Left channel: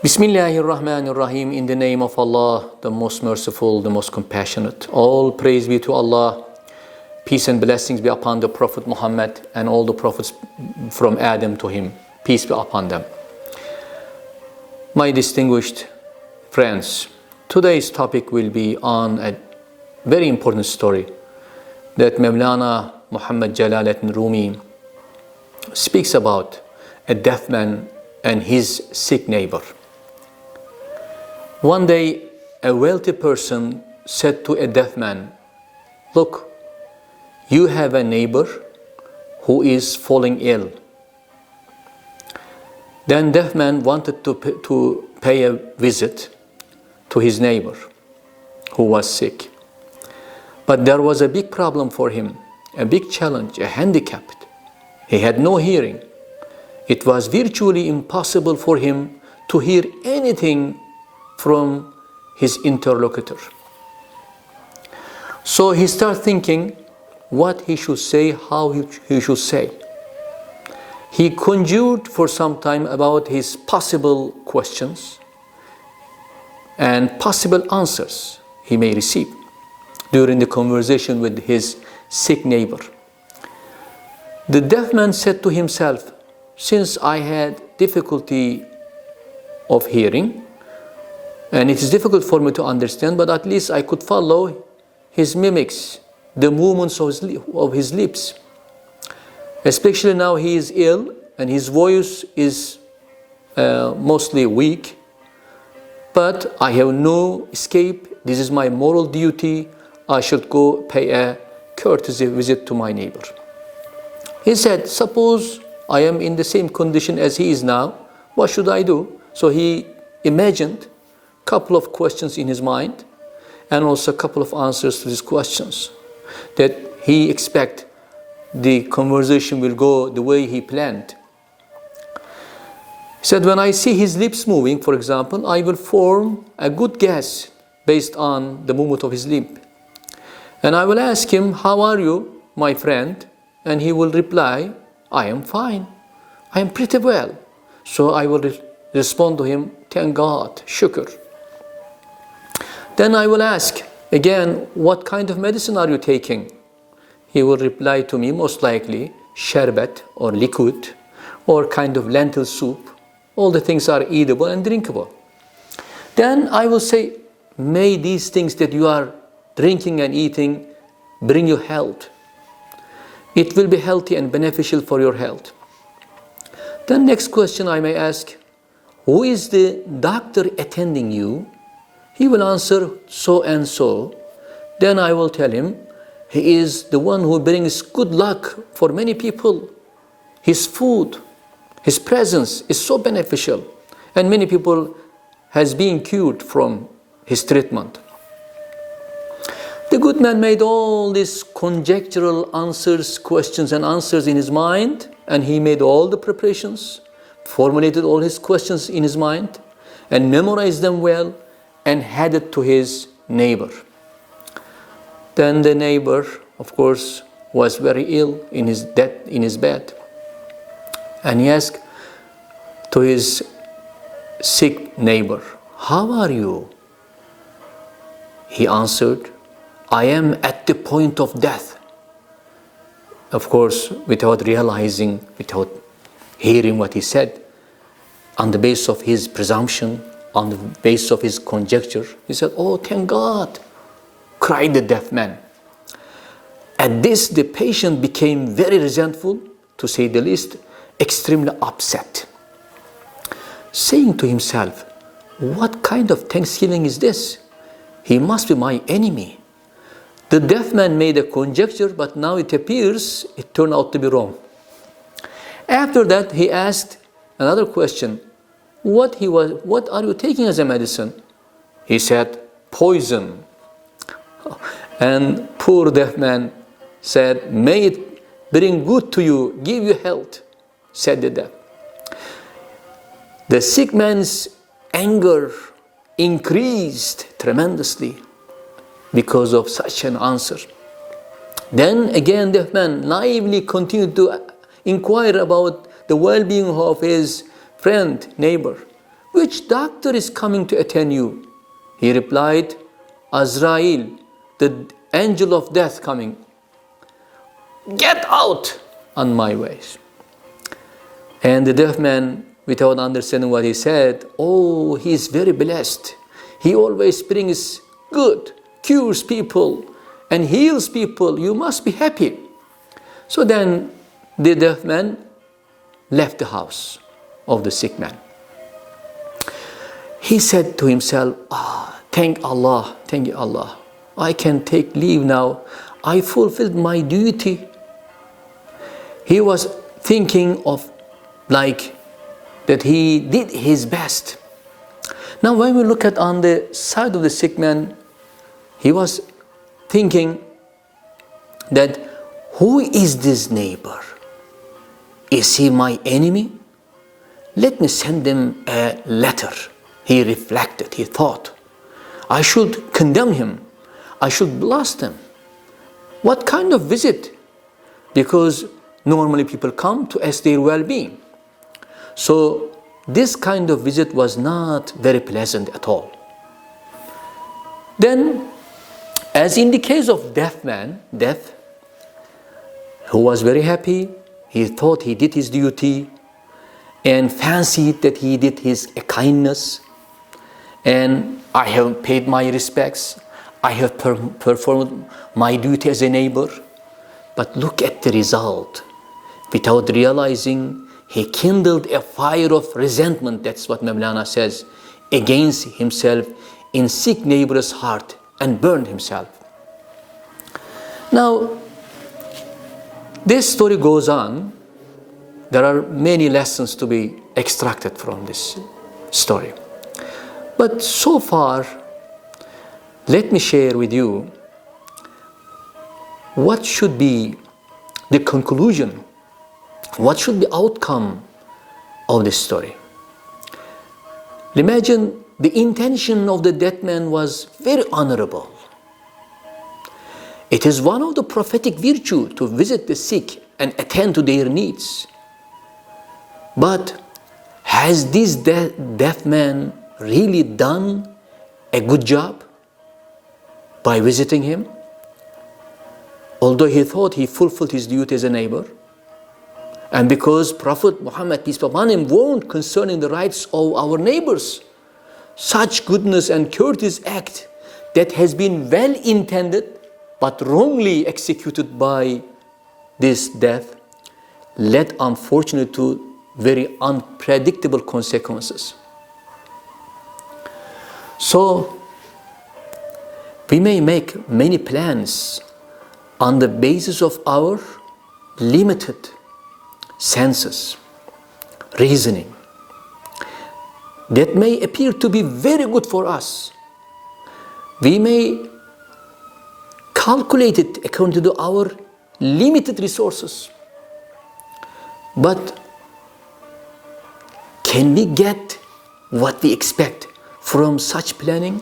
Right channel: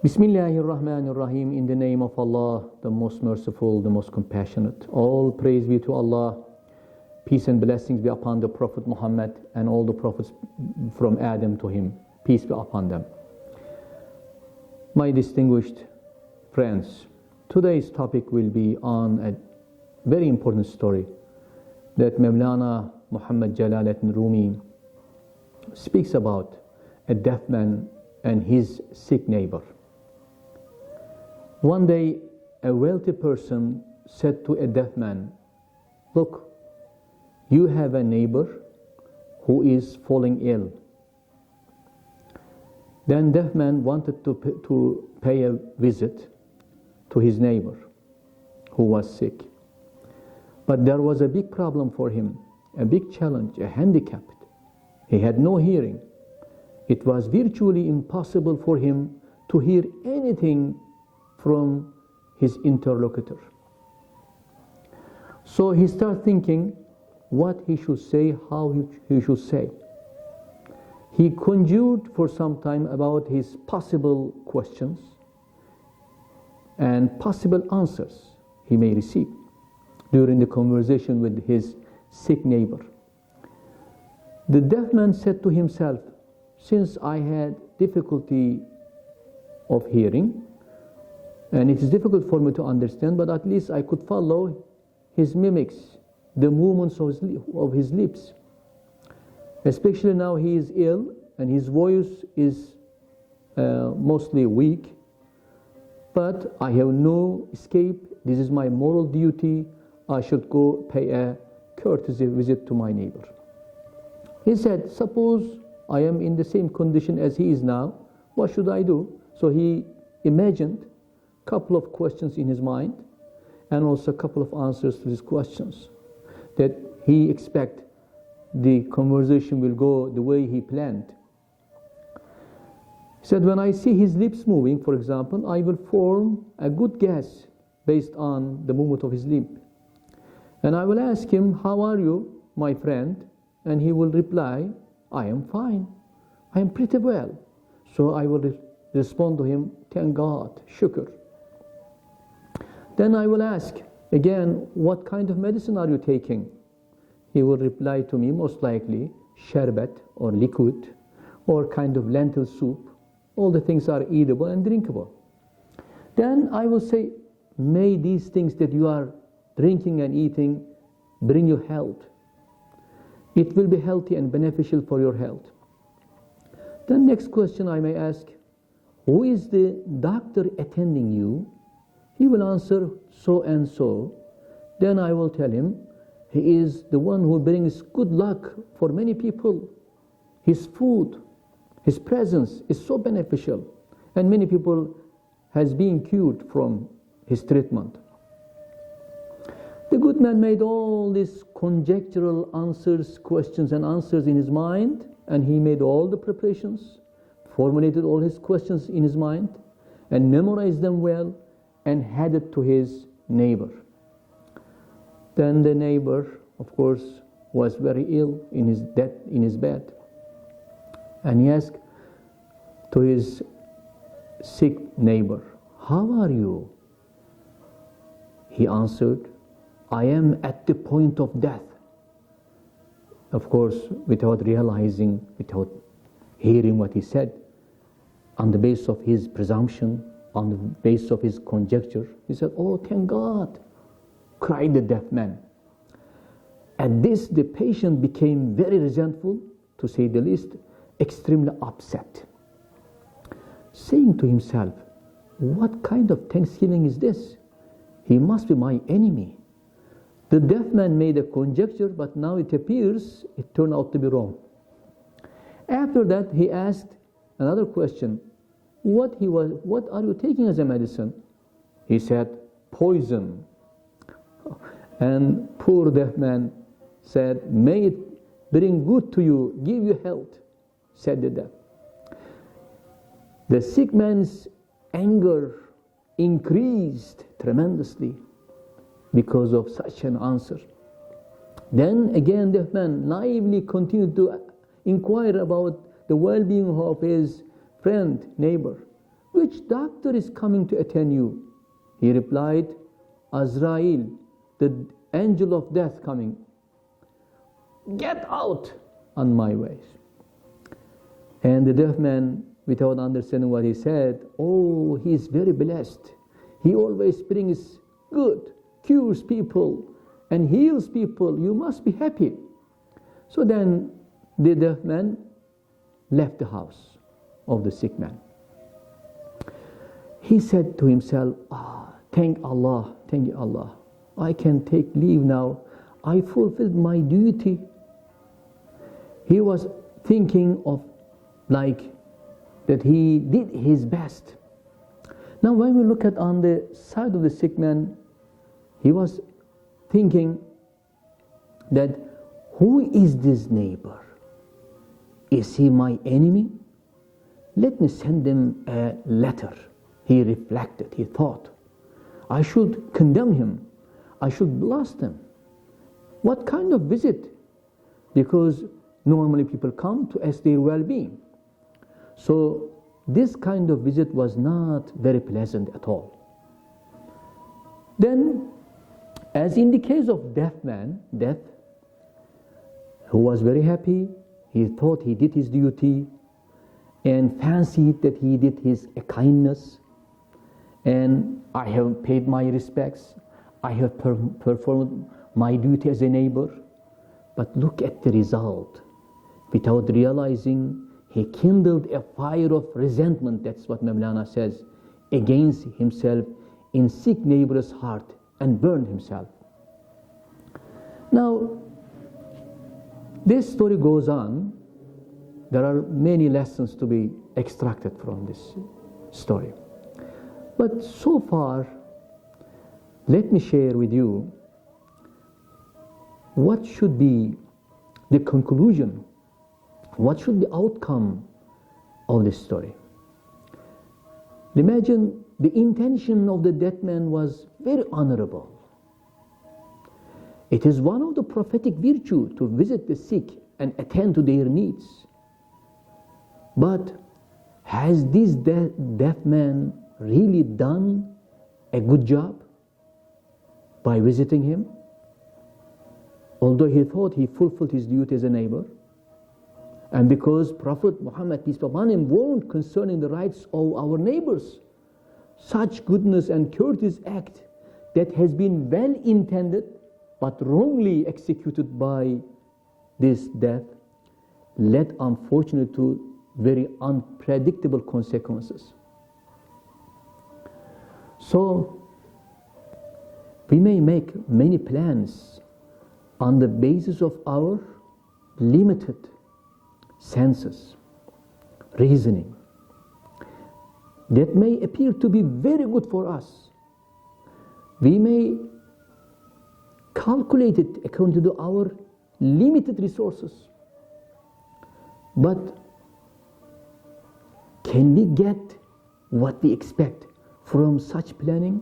Bismillahirrahmanirrahim. In the name of Allah, the most merciful, the most compassionate. All praise be to Allah. Peace and blessings be upon the Prophet Muhammad and all the prophets from Adam to him. Peace be upon them. My distinguished friends, today's topic will be on a very important story that Mawlana Rumi speaks about, a deaf man and his sick neighbor. One day, a wealthy person said to a deaf man, "Look, you have a neighbor who is falling ill." Then deaf man wanted to pay a visit to his neighbor who was sick. But there was a big problem for him, a big challenge, a handicap. He had no hearing. It was virtually impossible for him to hear anything from his interlocutor. So he started thinking what he should say, how he should say. He conjured for some time about his possible questions and possible answers he may receive during the conversation with his sick neighbor. The deaf man said to himself, "Since I had difficulty of hearing, and it is difficult for me to understand, but at least I could follow his mimics, the movements of his lips. Especially now he is ill and his voice is mostly weak, but I have no escape. This is my moral duty. I should go pay a courtesy visit to my neighbor." He said, "Suppose I am in the same condition as he is now, what should I do?" So he imagined a couple of questions in his mind and also a couple of answers to these questions that he expect the conversation will go the way he planned. He said, "When I see his lips moving, for example, I will form a good guess based on the movement of his lip. And I will ask him, 'How are you, my friend?' And he will reply, 'I am fine. I am pretty well.' So I will respond to him, 'Thank God, shukr.' Then I will ask again, 'What kind of medicine are you taking?' He will reply to me, most likely, sherbet or liquid or kind of lentil soup. All the things are eatable and drinkable. Then I will say, 'May these things that you are drinking and eating bring you health. It will be healthy and beneficial for your health.' Then next question I may ask, 'Who is the doctor attending you?' He will answer, 'So and so.' Then I will tell him, 'He is the one who brings good luck for many people. His food, his presence is so beneficial, and many people has been cured from his treatment.' The good man made all these conjectural questions and answers in his mind, and he made all the preparations, formulated all his questions in his mind, and memorized them well, and handed to his neighbor. Then the neighbor, of course, was very ill in his bed. And he asked to his sick neighbor, "How are you?" He answered, "I am at the point of death." Of course, without realizing, without hearing what he said, on the basis of his presumption, on the basis of his conjecture, he said, "Oh, thank God," cried the deaf man. At this, the patient became very resentful, to say the least, extremely upset, saying to himself, "What kind of thanksgiving is this? He must be my enemy." The deaf man made a conjecture, but now it appears it turned out to be wrong. After that, he asked another question. What are you taking as a medicine? He said, "Poison." And poor deaf man said, "May it bring good to you, give you health," said the deaf. The sick man's anger increased tremendously because of such an answer. Then again, the man naively continued to inquire about the well-being of his friend, neighbor. which doctor is coming to attend you? He replied, Azrael, the angel of death coming. Get out on my ways. And the deaf man, without understanding what he said, oh, he is very blessed. He always brings good, cures people, and heals people. You must be happy. So then the deaf man left the house of the sick man. He said to himself, thank Allah, thank you Allah. I can take leave now. I fulfilled my duty. He was thinking of like that he did his best. Now when we look at on the side of the sick man, he was thinking that who is this neighbor? Is he my enemy? Let me send him a letter. He reflected, he thought, I should condemn him. I should blast him. What kind of visit? Because normally people come to ask their well-being. So this kind of visit was not very pleasant at all. Then, as in the case of deaf, who was very happy, he thought he did his duty and fancied that he did his kindness, and I have paid my respects, I have performed my duty as a neighbor. But look at the result. Without realizing, he kindled a fire of resentment, that's what Mawlana says, against himself in sick neighbor's heart and burned himself. Now, this story goes on. There are many lessons to be extracted from this story. But so far, let me share with you what should be the conclusion, what should be the outcome of this story. Imagine the intention of the dead man was very honorable. It is one of the prophetic virtues to visit the sick and attend to their needs. But has this deaf man really done a good job by visiting him? Although he thought he fulfilled his duty as a neighbor, and because Prophet Muhammad, peace be upon him, warned concerning the rights of our neighbors, such goodness and courteous act that has been well intended but wrongly executed by this death led unfortunately to very unpredictable consequences. So we may make many plans on the basis of our limited senses, reasoning, that may appear to be very good for us. We may calculate it according to our limited resources. But can we get what we expect from such planning,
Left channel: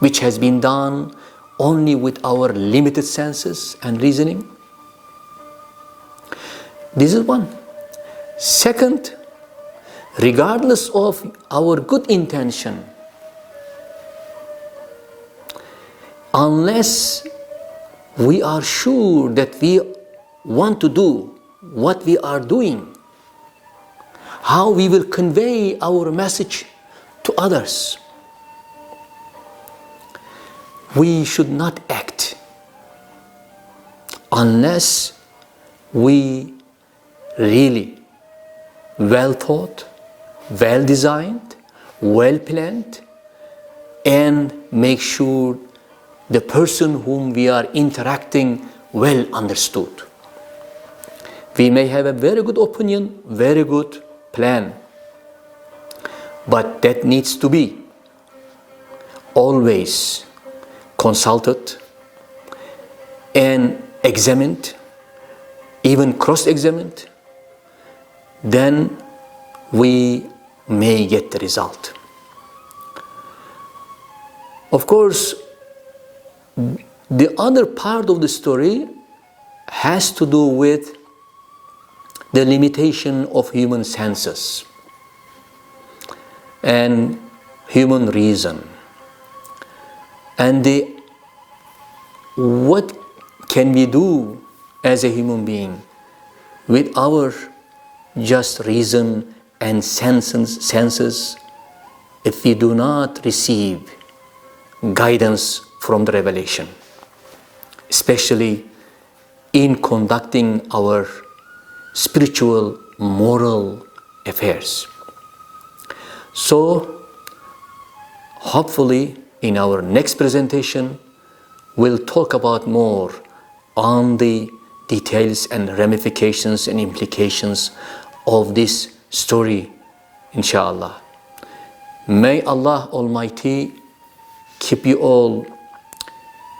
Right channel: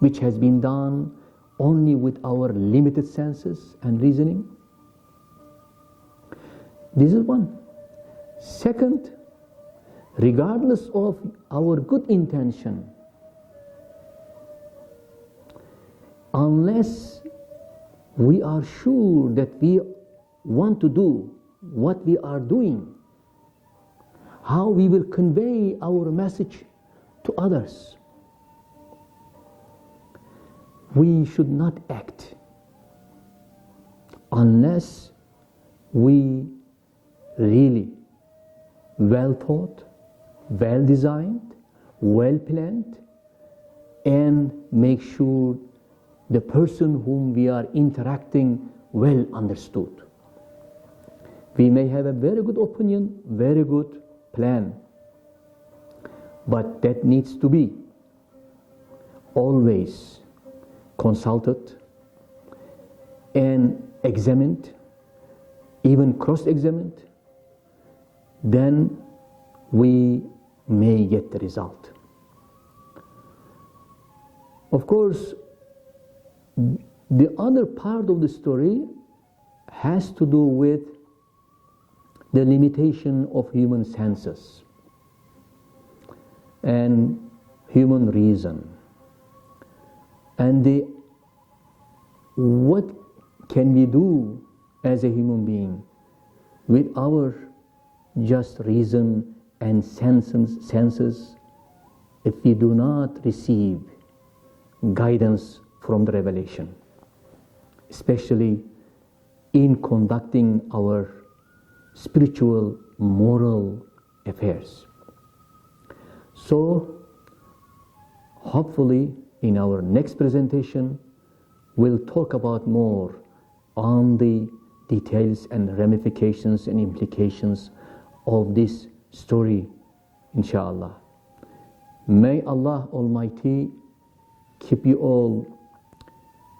which has been done only with our limited senses and reasoning? This is one. Second, regardless of our good intention, unless we are sure that we want to do what we are doing, how we will convey our message to others, we should not act unless we really well thought, well designed, well planned, and make sure the person whom we are interacting well understood. We may have a very good opinion, very good plan, but that needs to be always consulted and examined, even cross-examined. Then we may get the result. Of course, the other part of the story has to do with the limitation of human senses. and human reason. And what can we do as a human being with our just reason and senses if we do not receive guidance from the revelation, especially in conducting our spiritual, moral affairs? So, hopefully, in our next presentation, we'll talk about more on the details and ramifications and implications of this story, inshallah. May Allah Almighty keep you all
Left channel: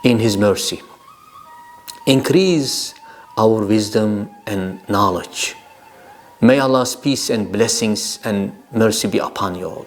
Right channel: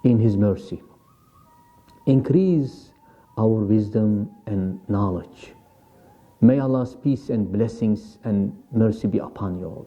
in His mercy. Increase our wisdom and knowledge. May Allah's peace and blessings and mercy be upon you all.